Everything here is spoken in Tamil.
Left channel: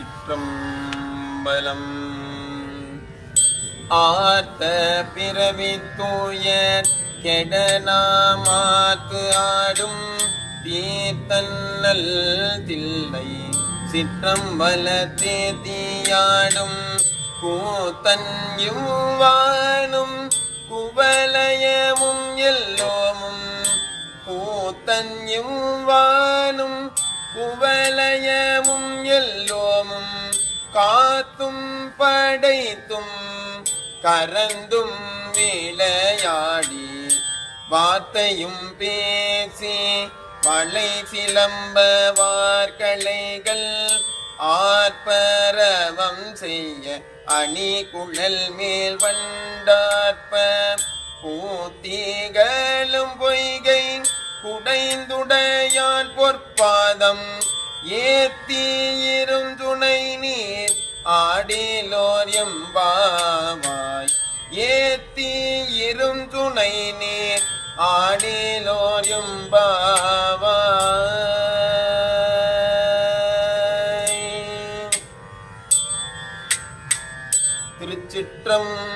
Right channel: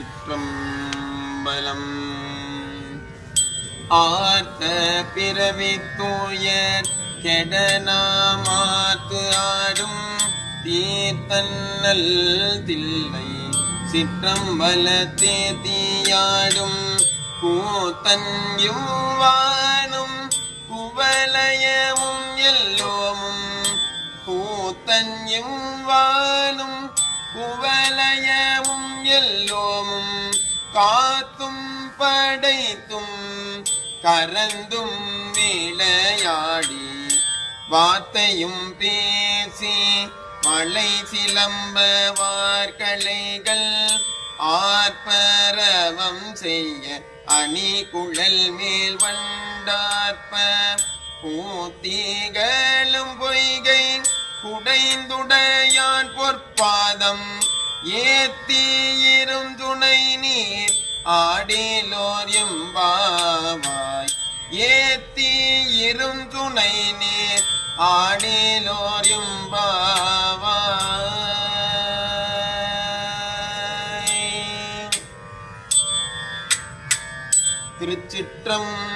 திருச்சிற்றம்பலம். ஆர்த்த பிறவி தூயர் கெடனாமாத்து ஆடும் தீர்த்தன்னல் தில்லை சிற்றம்பலத்தே தீயாடும் கூத்தன் யுவானும் குவலயமும் எல்லோமும் கூத்தன் யுவானும் குவலயமும் எல்லோமும் காத்தும் படைத்தும் கரந்தும் விளையாடி வார்த்தையும் பேசி மலை சிலம்ப வார்களைகள் ஆர்ப்பரவம் செய்ய அணி குழல் மேல் வண்டார்ப்ப கூத்திகளும் பொய்கை குடைந்துடையான் பொற்பாதம் ஏத்தியிரும் துணை நீர் ஆடிலோர் எம்பாவாய் ஏத்தியிரும் துணை நீர் ஆடிலோர் எம்பாவாய். திருச்சிற்றம்பலம்.